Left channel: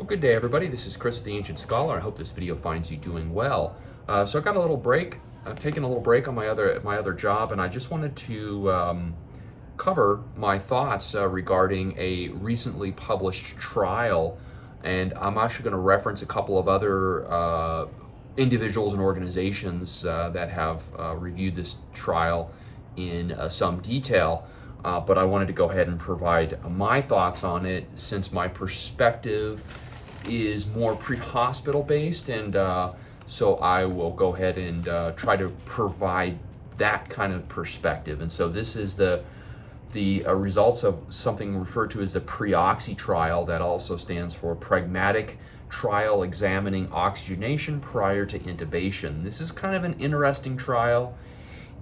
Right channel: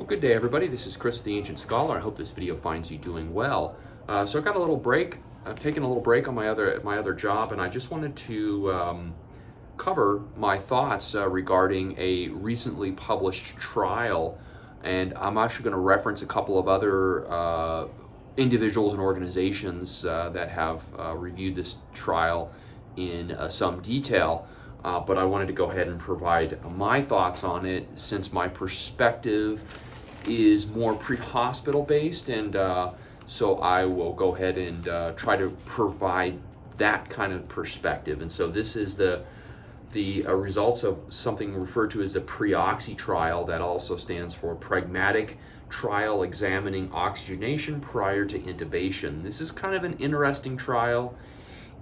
Well, good day, everybody. This is Chris, the Ancient Scholar. I hope this video finds you doing well. So I've got a little break. I've taken a little break on my other job, and I just wanted to cover my thoughts regarding a recently published trial. And I'm actually going to reference a couple of other individuals and organizations that have reviewed this trial in some detail. But I wanted to go ahead and provide my thoughts on it, since my perspective is more pre-hospital based, and so I will go ahead and try to provide that kind of perspective. And so this is the results of something referred to as the Pre-Oxy trial, that also stands for Pragmatic Trial Examining Oxygenation Prior to Intubation. This is kind of an interesting trial.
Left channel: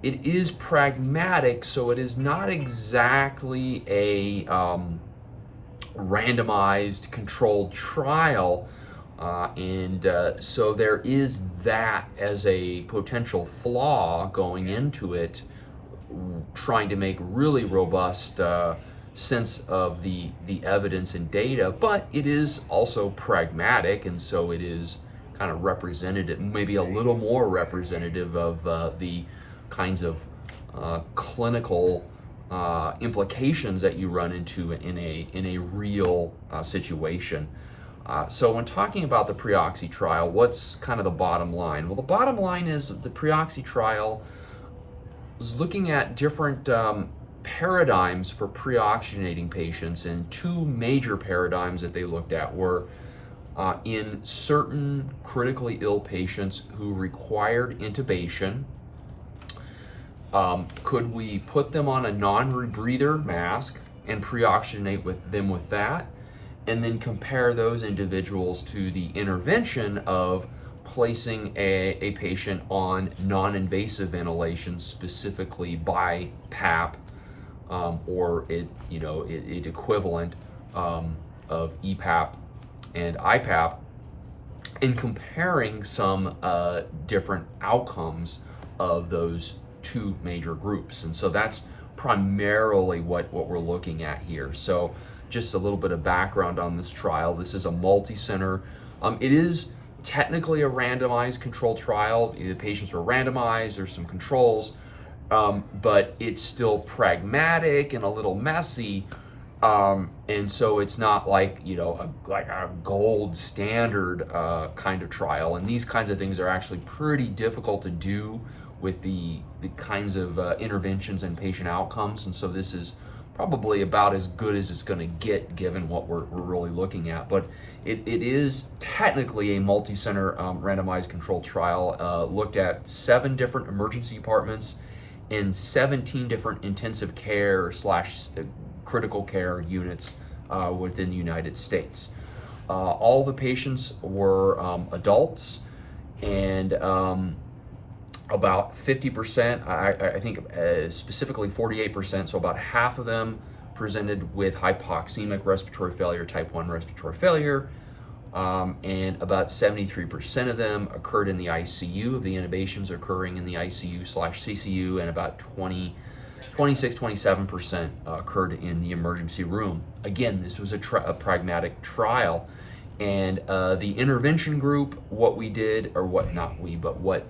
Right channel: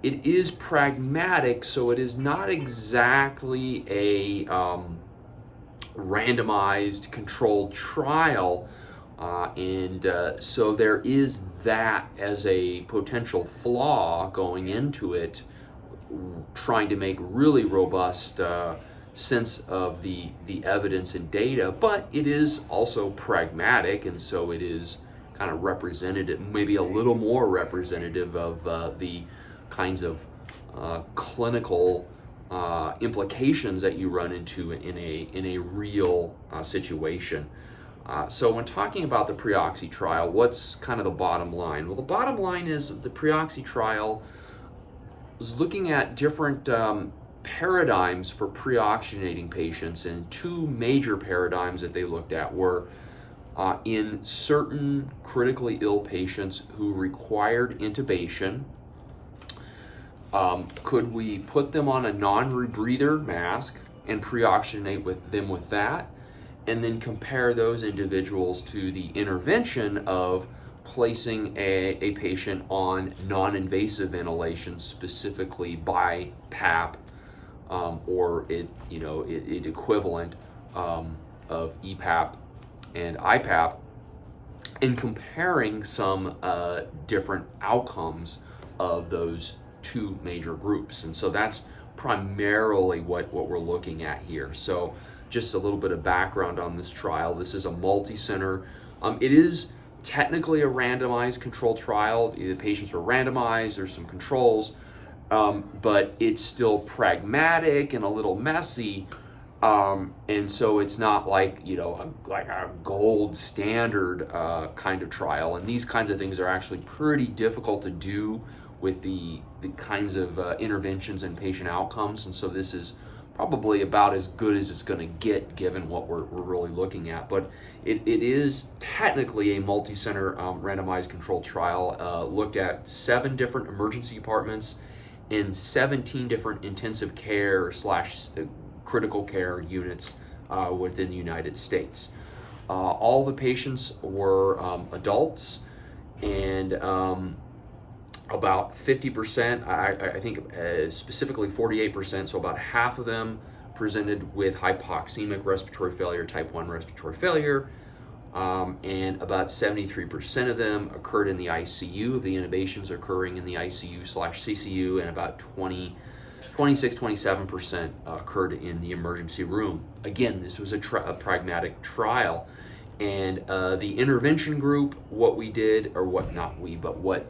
It is pragmatic, so it is not exactly a randomized controlled trial, and so there is that as a potential flaw going into it, trying to make really robust sense of the evidence and data. But it is also pragmatic, and so it is kind of representative, maybe a little more representative of the kinds of clinical implications that you run into in a real situation. So when talking about the Pre-Oxy trial, what's kind of the bottom line? Well, the bottom line is the Pre-Oxy trial was looking at different paradigms for pre-oxygenating patients, and two major paradigms that they looked at were in certain critically ill patients who required intubation. Could we put them on a non-rebreather mask and pre-oxygenate them with that, and then compare those individuals to the intervention of placing a patient on non-invasive ventilation, specifically BiPAP, or it equivalent of EPAP and IPAP, and comparing some different outcomes of those two major groups. And so that's primarily what we're looking at here. So just a little bit of background on this trial. This is a multi-center. It is technically a randomized controlled trial. The patients were randomized, there's some controls, but it's still pragmatic and a little messy. And so it's not like, a gold standard kind of trial. And these kinds of things are actually pretty difficult to do with the kinds of interventions and patient outcomes. And so this is probably about as good as it's going to get, given what we're really looking at. But it is technically a multi-center randomized controlled trial, looked at 7 different emergency departments and 17 different intensive care / critical care units within the United States. All the patients were adults, and about 50%, I think specifically 48%, so about half of them presented with hypoxemic respiratory failure, type 1 respiratory failure, and about 73% of them occurred in the ICU, of the intubations occurring in the ICU/CCU, and about 27% occurred in the emergency room. Again, this was a pragmatic trial, and the intervention group, what we did, or what not we, but what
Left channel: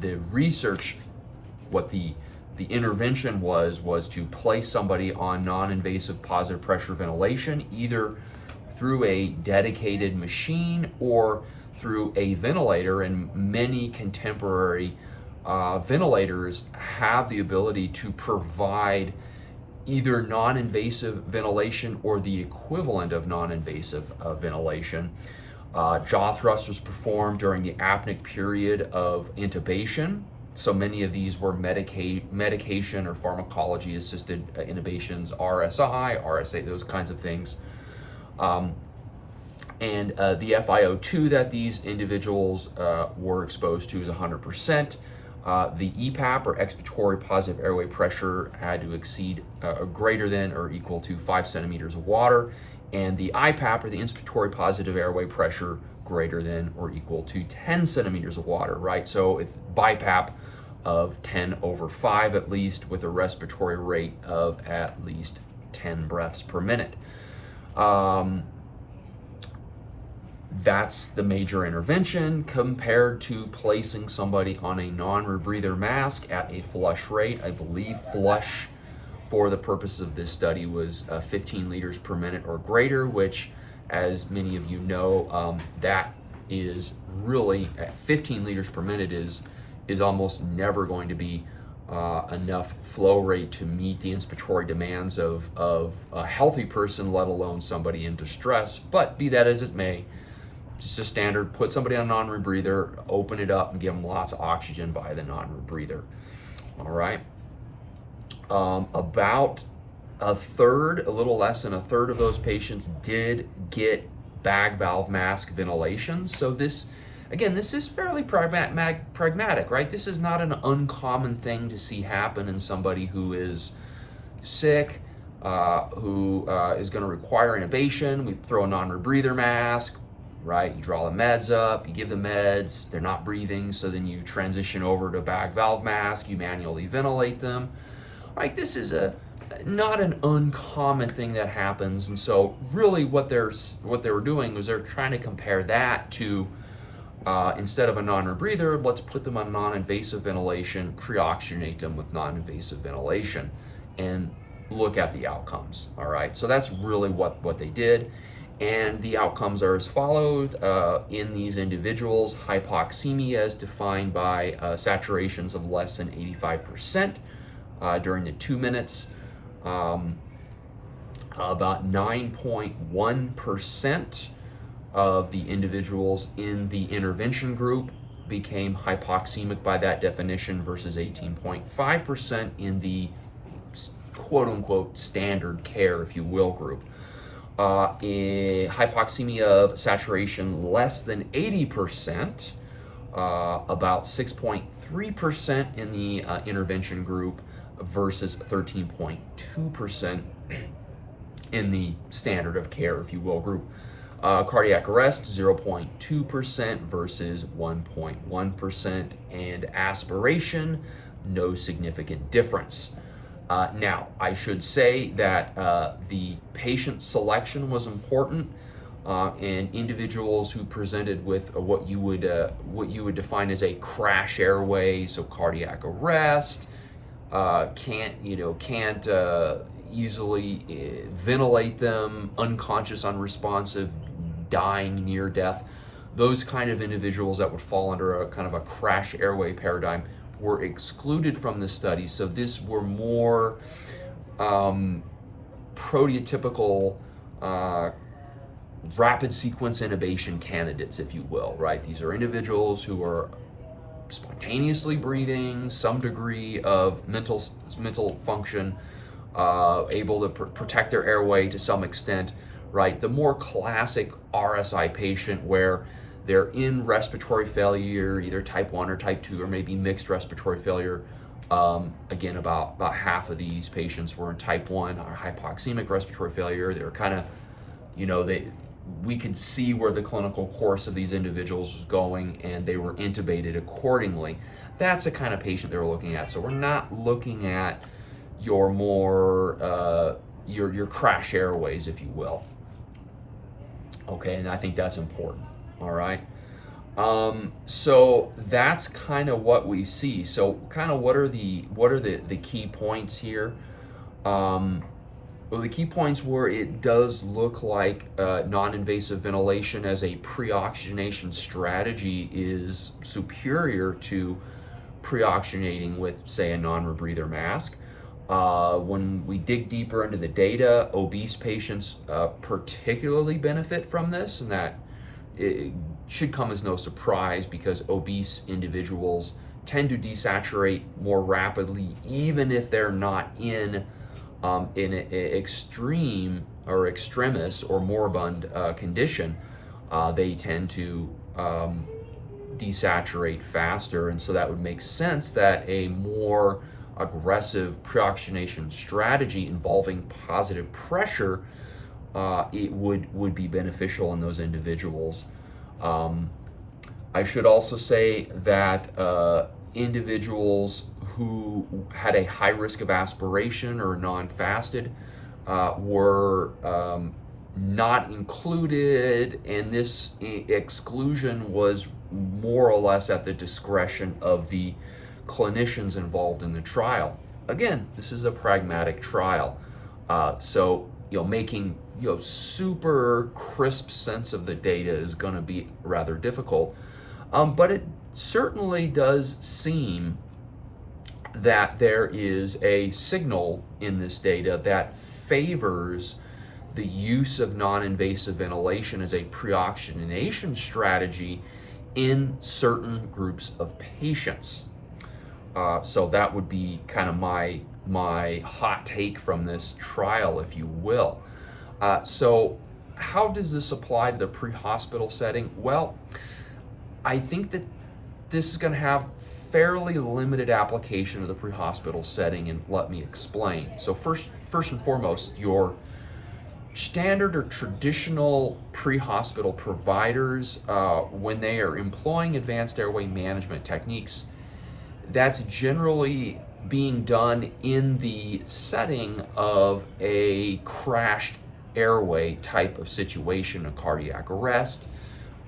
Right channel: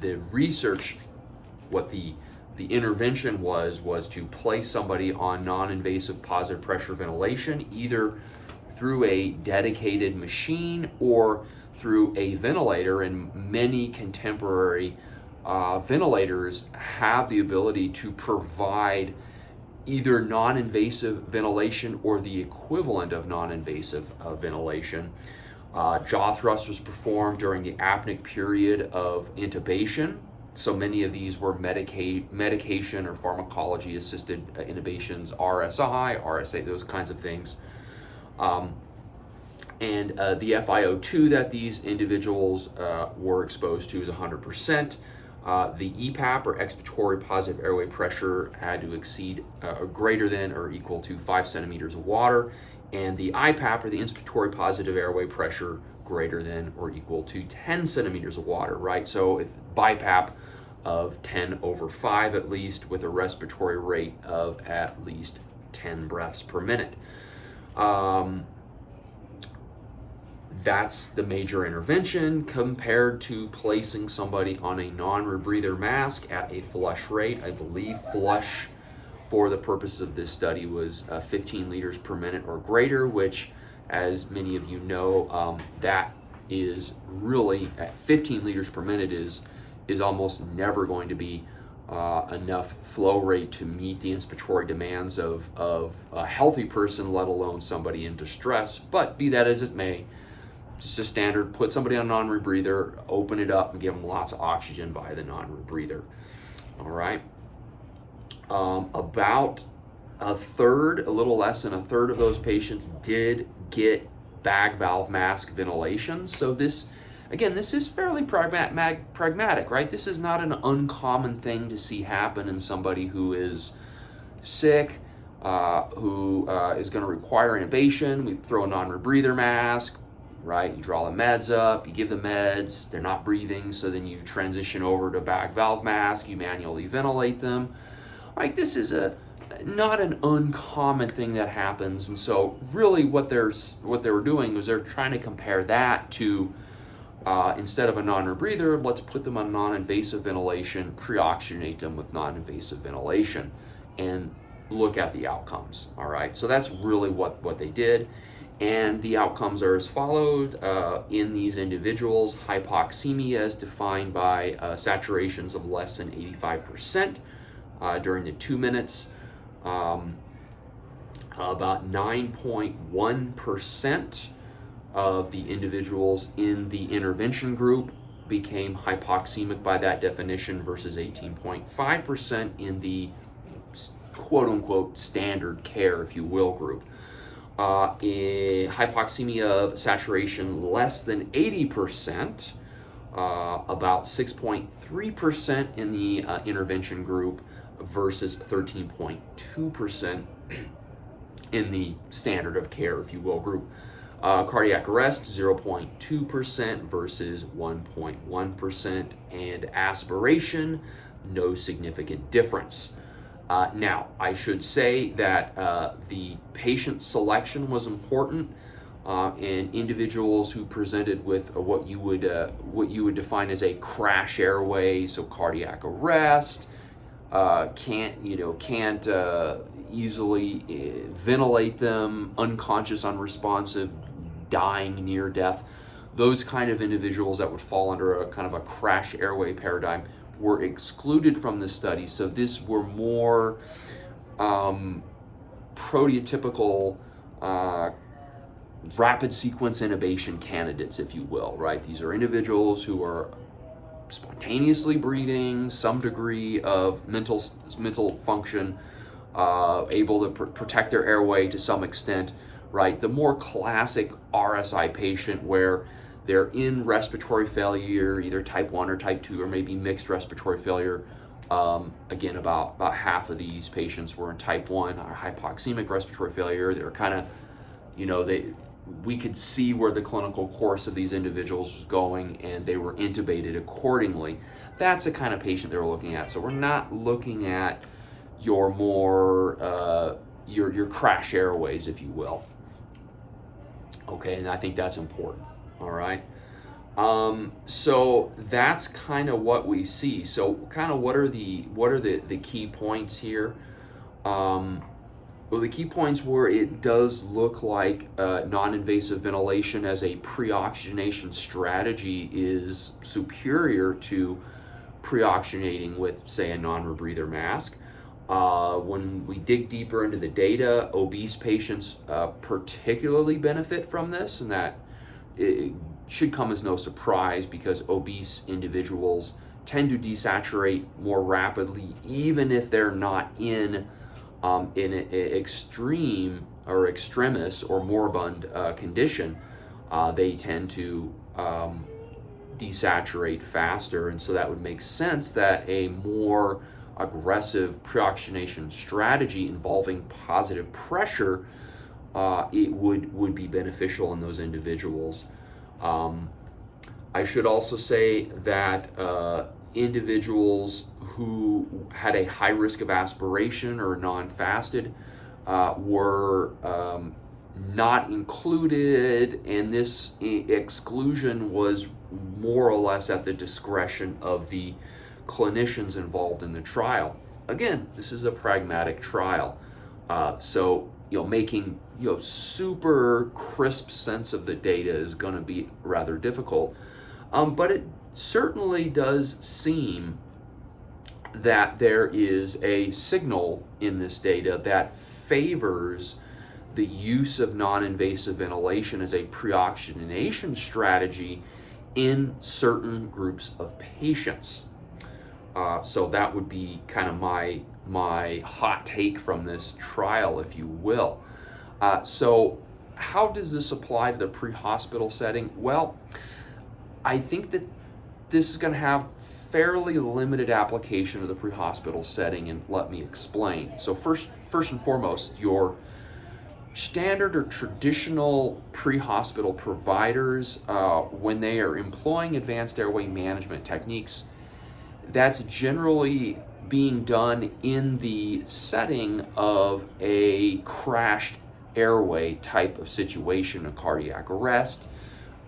the research, what the intervention was to place somebody on non-invasive positive pressure ventilation, either through a dedicated machine or through a ventilator. And many contemporary ventilators have the ability to provide either non-invasive ventilation or the equivalent of non-invasive ventilation. Jaw thrust was performed during the apneic period of intubation. So many of these were medication or pharmacology assisted intubations, RSI, RSA, those kinds of things. And the FiO2 that these individuals were exposed to is 100%. The EPAP, or expiratory positive airway pressure, had to exceed greater than or equal to 5 centimeters of water, and the IPAP, or the inspiratory positive airway pressure, greater than or equal to 10 centimeters of water, right? So if BiPAP of 10/5 at least, with a respiratory rate of at least 10 breaths per minute. That's the major intervention compared to placing somebody on a non-rebreather mask at a flush rate. I believe flush for the purpose of this study was 15 liters per minute or greater, which, as many of you know, that is really, at 15 liters per minute is almost never going to be enough flow rate to meet the inspiratory demands of a healthy person, let alone somebody in distress. But be that as it may, just a standard, put somebody on a non-rebreather, open it up and give them lots of oxygen via the non-rebreather. All right. About a little less than a third of those patients did get bag valve mask ventilation. So this is fairly pragmatic, right? This is not an uncommon thing to see happen in somebody who is sick, who is going to require intubation. We throw a non-rebreather mask, right? You draw the meds up, you give the meds, they're not breathing, so then you transition over to bag valve mask, you manually ventilate them. Right, this is not an uncommon thing that happens, and so really what they were doing was they're trying to compare that to instead of a non-rebreather, let's put them on non-invasive ventilation, pre-oxygenate them with non-invasive ventilation, and look at the outcomes. All right, so that's really what they did. And the outcomes are as followed. In these individuals, hypoxemia is defined by saturations of less than 85% during the 2 minutes. About 9.1% of the individuals in the intervention group became hypoxemic by that definition versus 18.5% in the quote-unquote standard care, if you will, group. Hypoxemia of saturation less than 80%, about 6.3% in the intervention group versus 13.2% in the standard of care, if you will, group. Cardiac arrest, 0.2% versus 1.1%, and aspiration, no significant difference. Now, I should say that the patient selection was important, and individuals who presented with what you would define as a crash airway, so cardiac arrest, can't easily ventilate them, unconscious, unresponsive, dying, near death. Those kind of individuals that would fall under a kind of a crash airway paradigm were excluded from the study. So this were more prototypical rapid sequence intubation candidates, if you will, right? These are individuals who are spontaneously breathing, some degree of mental function, able to protect their airway to some extent, right? The more classic RSI patient where they're in respiratory failure, either type 1 or type 2, or maybe mixed respiratory failure. Again, about half of these patients were in type 1 or hypoxemic respiratory failure. They were kind of, we could see where the clinical course of these individuals was going, and they were intubated accordingly. That's the kind of patient they were looking at. So we're not looking at your more, your crash airways, if you will. Okay, and I think that's important. All right. So that's kind of what we see. So kind of what are the key points here? Well, the key points were it does look like non-invasive ventilation as a pre-oxygenation strategy is superior to pre-oxygenating with, say, a non-rebreather mask. When we dig deeper into the data, obese patients particularly benefit from this, and that it should come as no surprise because obese individuals tend to desaturate more rapidly, even if they're not in an extreme or extremis or moribund condition. They tend to desaturate faster, and so that would make sense that a more aggressive pre-oxygenation strategy involving positive pressure it would be beneficial in those individuals. I should also say that individuals who had a high risk of aspiration or non-fasted were not included, and this exclusion was more or less at the discretion of the clinicians involved in the trial. Again, this is a pragmatic trial, so making super crisp sense of the data is going to be rather difficult, but it certainly does seem that there is a signal in this data that favors the use of non-invasive ventilation as a pre-oxygenation strategy in certain groups of patients. So that would be kind of my hot take from this trial, if you will. So how does this apply to the pre-hospital setting? Well, I think that this is going to have fairly limited application of the pre-hospital setting, and let me explain. So first and foremost, your standard or traditional pre-hospital providers, when they are employing advanced airway management techniques, that's generally being done in the setting of a crashed airway type of situation, a cardiac arrest,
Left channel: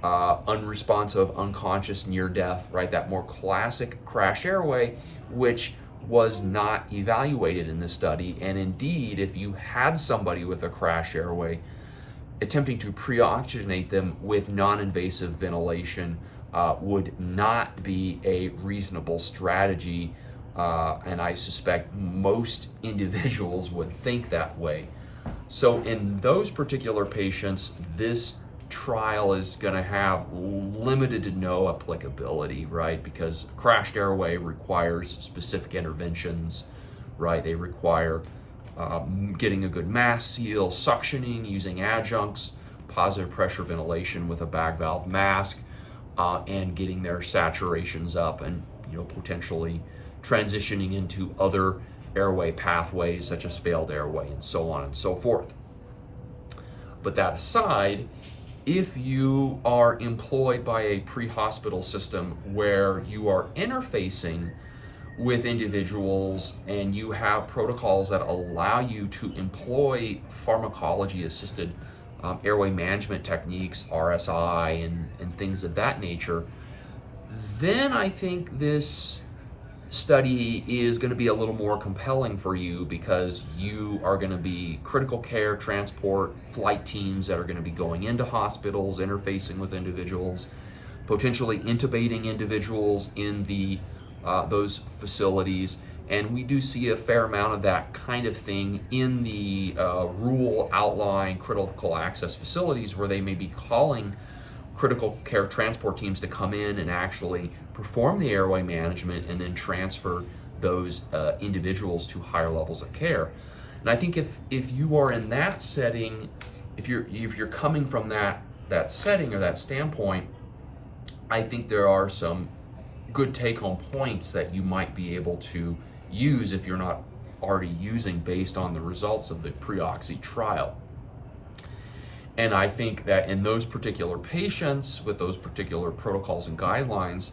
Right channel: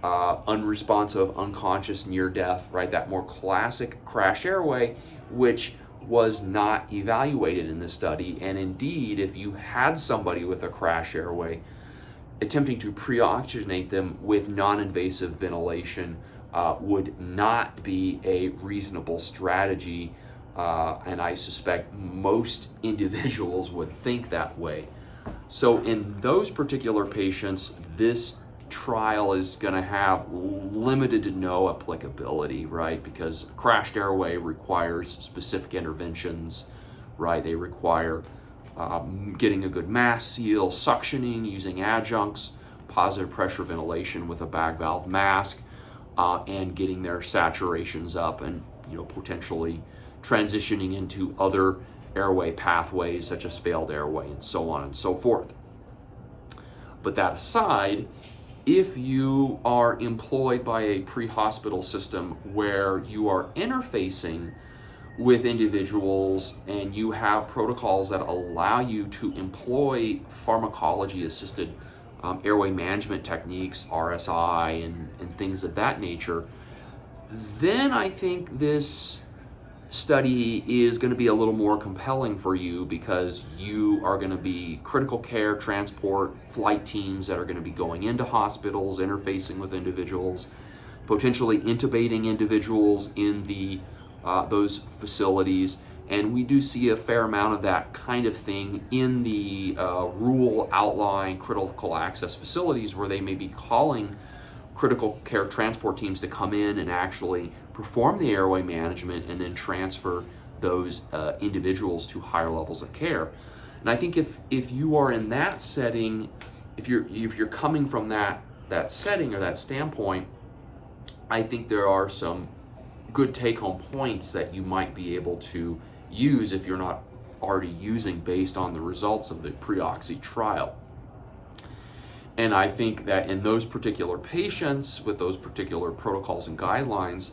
unresponsive, unconscious, near death, right? That more classic crash airway, which was not evaluated in this study. And indeed, if you had somebody with a crash airway, attempting to pre-oxygenate them with non-invasive ventilation would not be a reasonable strategy. And I suspect most individuals would think that way. So in those particular patients, this trial is going to have limited to no applicability, right? Because crashed airway requires specific interventions, right? They require getting a good mask seal, suctioning, using adjuncts, positive pressure ventilation with a bag valve mask, and getting their saturations up, and potentially transitioning into other airway pathways such as failed airway and so on and so forth. But that aside, if you are employed by a pre-hospital system where you are interfacing with individuals and you have protocols that allow you to employ pharmacology-assisted airway management techniques, RSI, and things of that nature, then I think this study is going to be a little more compelling for you, because you are going to be critical care transport flight teams that are going to be going into hospitals, interfacing with individuals, potentially intubating individuals in the those facilities. And we do see a fair amount of that kind of thing in the rural outlying critical access facilities, where they may be calling critical care transport teams to come in and actually perform the airway management and then transfer those individuals to higher levels of care. And I think if you are in that setting, if you're coming from that setting or that standpoint, I think there are some good take-home points that you might be able to use if you're not already using, based on the results of the Pre-Oxy trial. And I think that in those particular patients with those particular protocols and guidelines,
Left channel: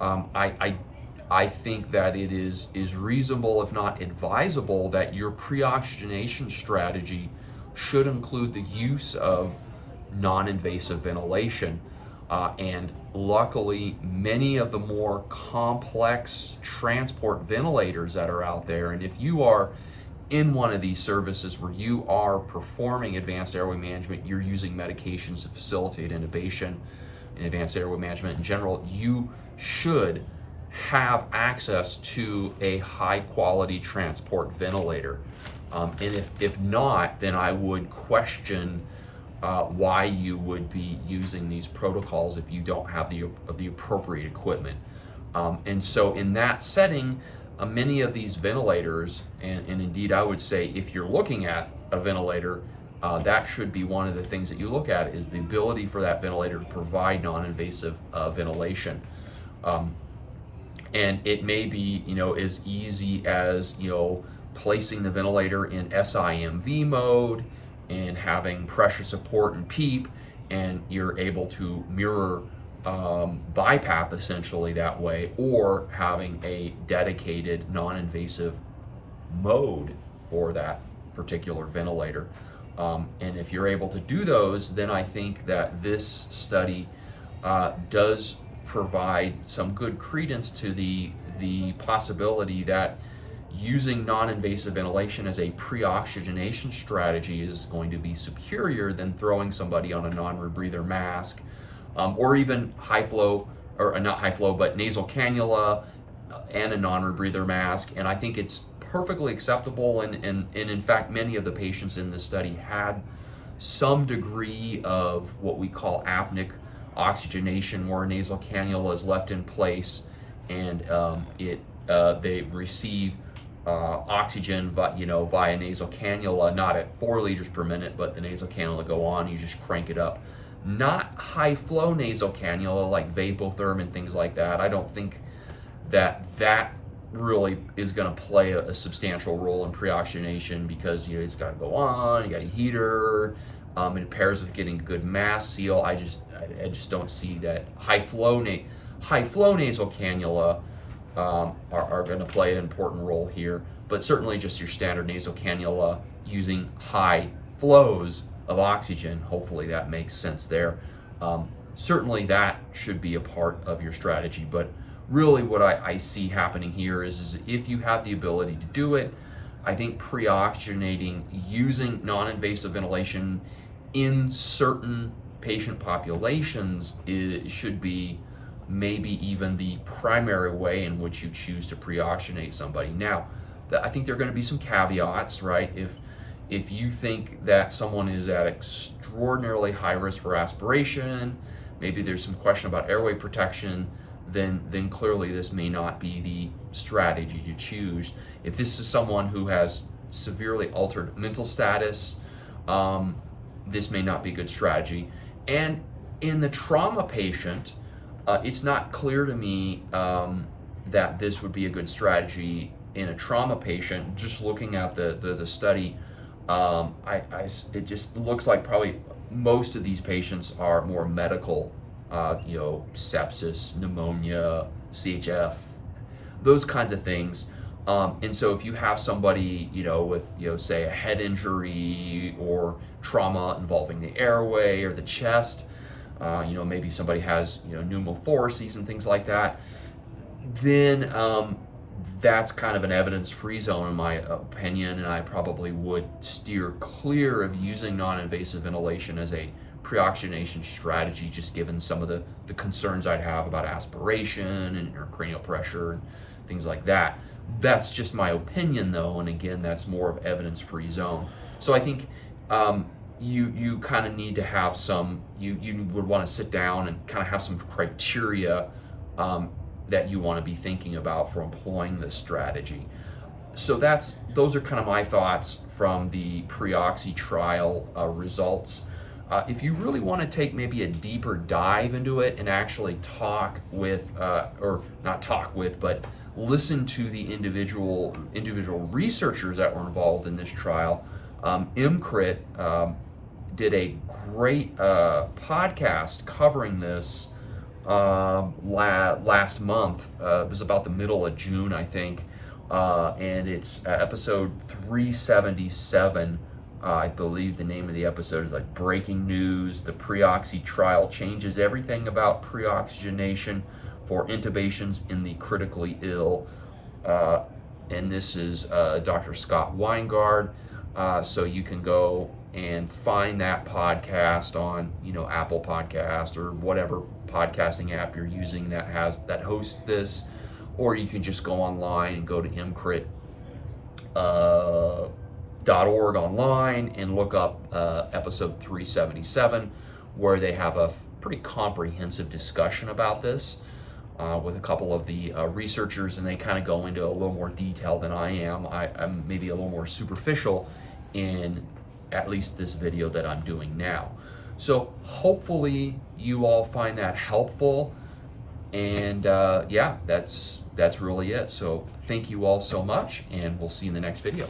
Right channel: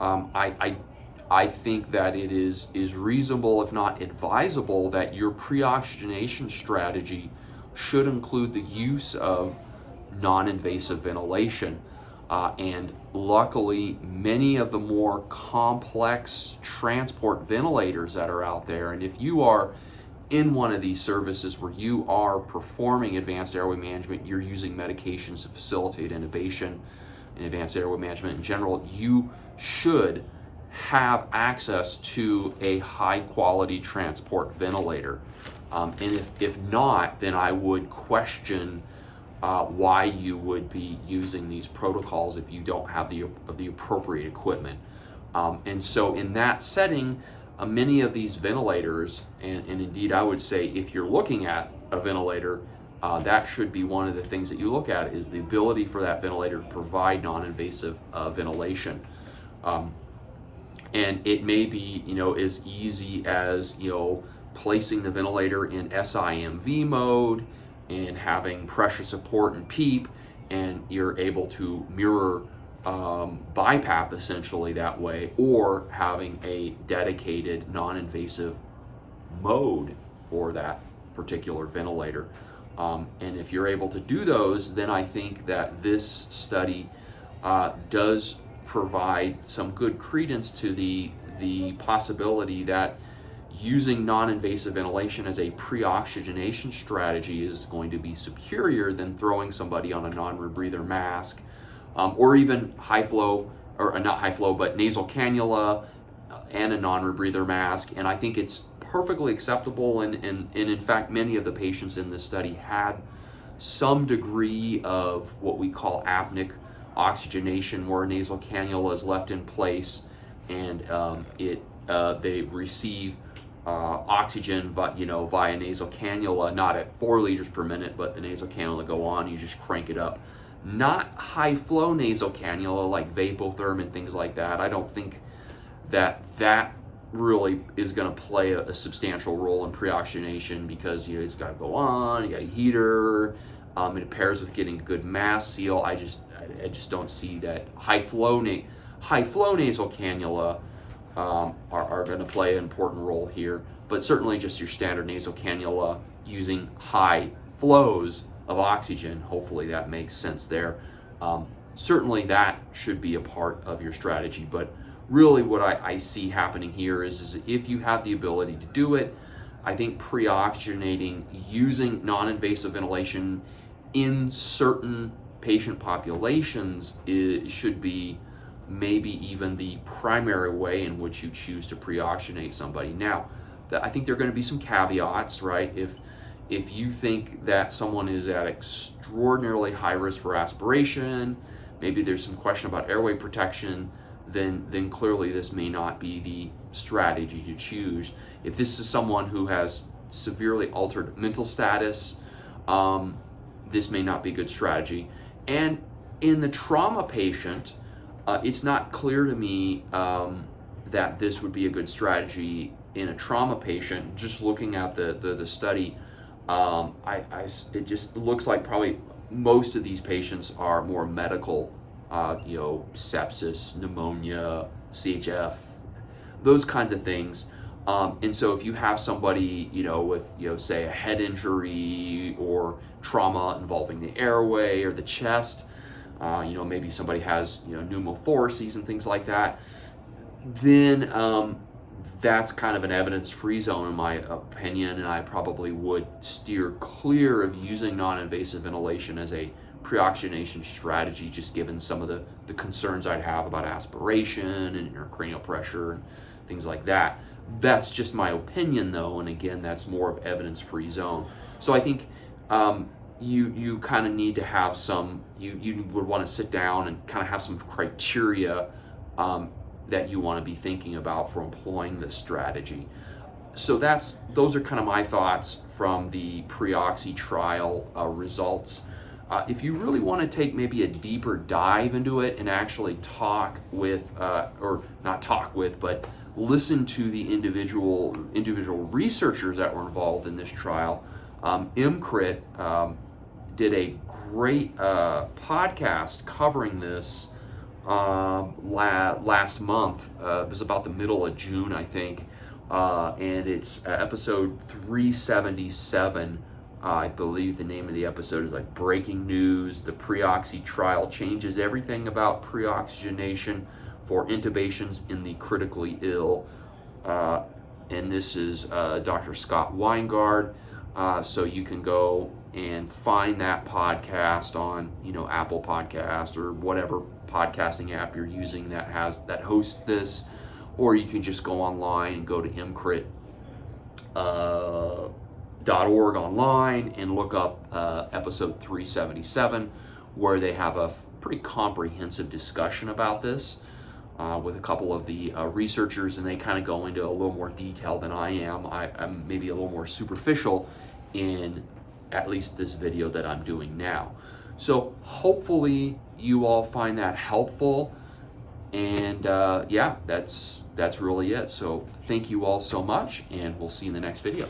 I think that it is reasonable, if not advisable, that your pre-oxygenation strategy should include the use of non-invasive ventilation. And luckily, many of the more complex transport ventilators that are out there, and if you are in one of these services where you are performing advanced airway management, you're using medications to facilitate intubation and advanced airway management in general, you should have access to a high quality transport ventilator. And if not, then I would question why you would be using these protocols if you don't have the appropriate equipment. And so in that setting, many of these ventilators, and indeed I would say if you're looking at a ventilator, that should be one of the things that you look at, is the ability for that ventilator to provide non-invasive ventilation. And it may be, as easy as, placing the ventilator in SIMV mode and having pressure support and PEEP, and you're able to mirror BiPAP essentially that way, or having a dedicated non-invasive mode for that particular ventilator. And if you're able to do those, then I think that this study does provide some good credence to the possibility that using non-invasive ventilation as a pre-oxygenation strategy is going to be superior than throwing somebody on a non-rebreather mask, or even high flow, or not high flow, but nasal cannula and a non-rebreather mask. And I think it's perfectly acceptable, and in fact, many of the patients in this study had some degree of what we call apneic oxygenation, where a nasal cannula is left in place and they receive oxygen via nasal cannula, not at 4 liters per minute, but the nasal cannula go on, you just crank it up. Not high flow nasal cannula like Vapotherm and things like that. I don't think that really is going to play a substantial role in pre-oxygenation, because it's got to go on, you got a heater, it pairs with getting good mask seal. I just don't see that high flow nasal cannula are going to play an important role here, but certainly just your standard nasal cannula using high flows of oxygen, hopefully that makes sense there. Certainly that should be a part of your strategy, but really what I see happening here is if you have the ability to do it, I think pre-oxygenating using non-invasive ventilation in certain patient populations should be maybe even the primary way in which you choose to pre-oxygenate somebody. Now, I think there are going to be some caveats, right? If you think that someone is at extraordinarily high risk for aspiration, maybe there's some question about airway protection, then clearly this may not be the strategy to choose. If this is someone who has severely altered mental status, this may not be a good strategy. And in the trauma patient, it's not clear to me that this would be a good strategy in a trauma patient. Just looking at the study, it just looks like probably most of these patients are more medical, sepsis, pneumonia, CHF, those kinds of things. And so if you have somebody, with, say a head injury or trauma involving the airway or the chest, maybe somebody has, pneumothoraces and things like that, then that's kind of an evidence-free zone in my opinion, and I probably would steer clear of using non-invasive ventilation as a pre-oxygenation strategy, just given some of the concerns I'd have about aspiration and intracranial pressure and things like that. That's just my opinion though, and again, that's more of evidence-free zone. So I think you kind of need to have you would want to sit down and kind of have some criteria that you want to be thinking about for employing this strategy. So those are kind of my thoughts from the Pre-Oxy trial results. If you really want to take maybe a deeper dive into it and actually talk with, or not talk with, but listen to the individual researchers that were involved in this trial, EmCrit did a great podcast covering this last month. It was about the middle of June, I think, and it's episode 377. I believe the name of the episode is like Breaking News. The Pre-Oxy trial changes everything about pre-oxygenation for intubations in the critically ill. And this is Dr. Scott Weingard. So you can go and find that podcast on, Apple Podcast or whatever podcasting app you're using that hosts this, or you can just go online and go to EmCrit.org online and look up episode 377, where they have a pretty comprehensive discussion about this with a couple of the researchers, and they kind of go into a little more detail than I am. I'm maybe a little more superficial in at least this video that I'm doing now. So hopefully you all find that helpful, and yeah, that's really it. So thank you all so much, and we'll see you in the next video.